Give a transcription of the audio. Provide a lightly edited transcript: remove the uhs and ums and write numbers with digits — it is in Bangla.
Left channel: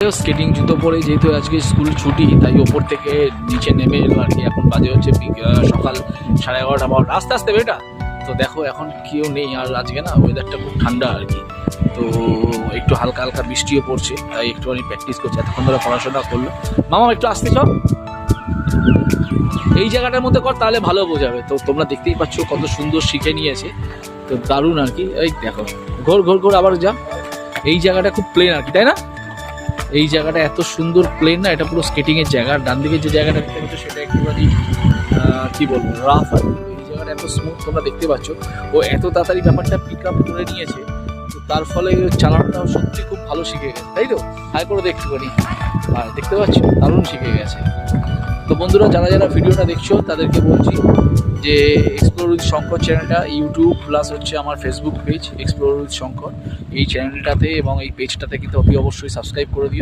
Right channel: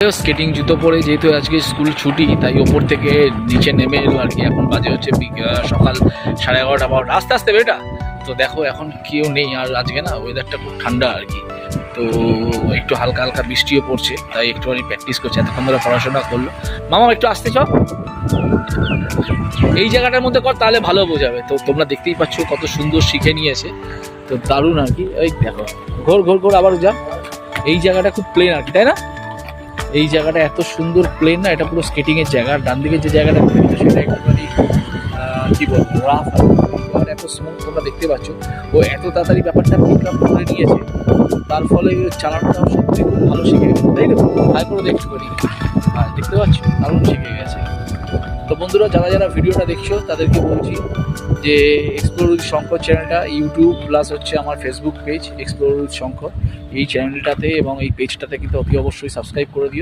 স্কেটিং জুতো পরে যেহেতু আজকে স্কুল ছুটি তাই ওপর থেকে নিচে নেমে এলো আর কি। এখন বাজে হচ্ছে সকাল 11:30 বা আস্তে আস্তে বেটা। তো দেখো এখন কেউ নেই আর আজকে না ওয়েদারটা খুব ঠান্ডা আর কি। তো একটু হালকা হালকা বৃষ্টিও পড়ছে তাই একটুখানি প্র্যাকটিস করছে। এতক্ষণ ধরে পড়াশোনা করলো। মামা একটু আসতে চ, এই জায়গাটার মধ্যে কর তাহলে ভালো বোঝাবে। তো তোমরা দেখতেই পাচ্ছ কত সুন্দর শিখে নিয়েছে, তো দারুণ আর কি। এই দেখো ঘোর ঘোর ঘোর আবার যা। এই জায়গাটা খুব প্লেন আর কি, তাই না? এই জায়গাটা এত সুন্দর প্লেন না, এটা পুরো স্কেটিংয়ের জায়গা। ডান দিকে যে জায়গাটা সেটা একটুখানি কী বলবো রাফ আর জায়গাটা এত স্মুথ তোমরা দেখতে পাচ্ছ। ও এত তাড়াতাড়ি ব্যাপারটা পিক আপ করে নিয়েছে, তার ফলে চালানোটাও সত্যি খুব ভালো শিখে গেছে, তাই তো? হাই করে দেখতে পারি, আর দেখতে পাচ্ছ দারুণ শিখে গেছে। তো বন্ধুরা যারা যারা ভিডিওটা দেখছো তাদেরকে বলছি যে এক্সপ্লোর উইথ শঙ্কর চ্যানেলটা ইউটিউব প্লাস হচ্ছে আমার Facebook page explore with Shankar, এই চ্যানেলটাতে এবং এই পেজটাতে কিন্তু অতি অবশ্যই সাবস্ক্রাইব করে দিও।